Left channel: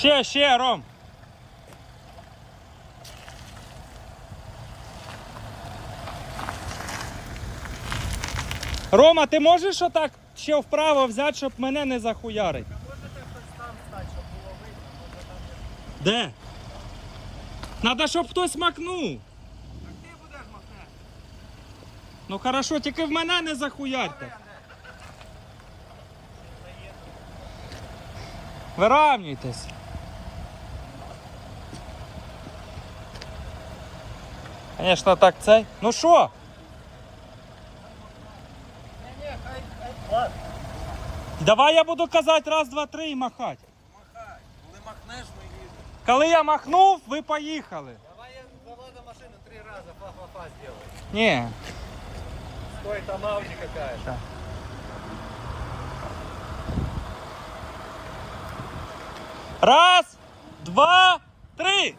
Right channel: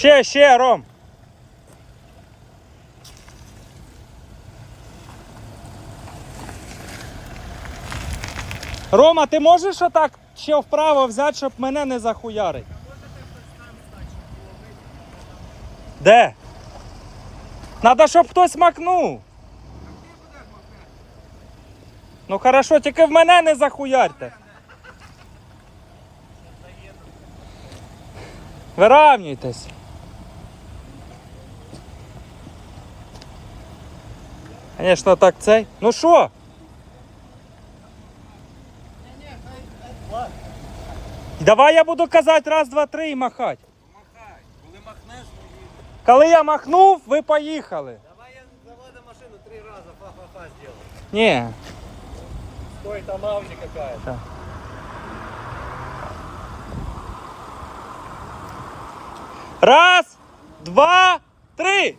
Ще, ще, Ром. Рома, ти можеш отак ще вправо взяти, щоб мене не захуярить? Де? Надо, щоб хтось макнув. Ну хорошо, тільки в мене не захуярте. Виравнюйтесь. Звісно, так цей. Ну що? Давай я буду казати раз, два, три і махати. Махай. Коли махнеш, ми їдемо. Коли я махнув, ви поїхали. Давай я заводим машину три рази, фа-фа-фа сделай. Ні. Стой, там Ауди какая-то. Раз, два, три.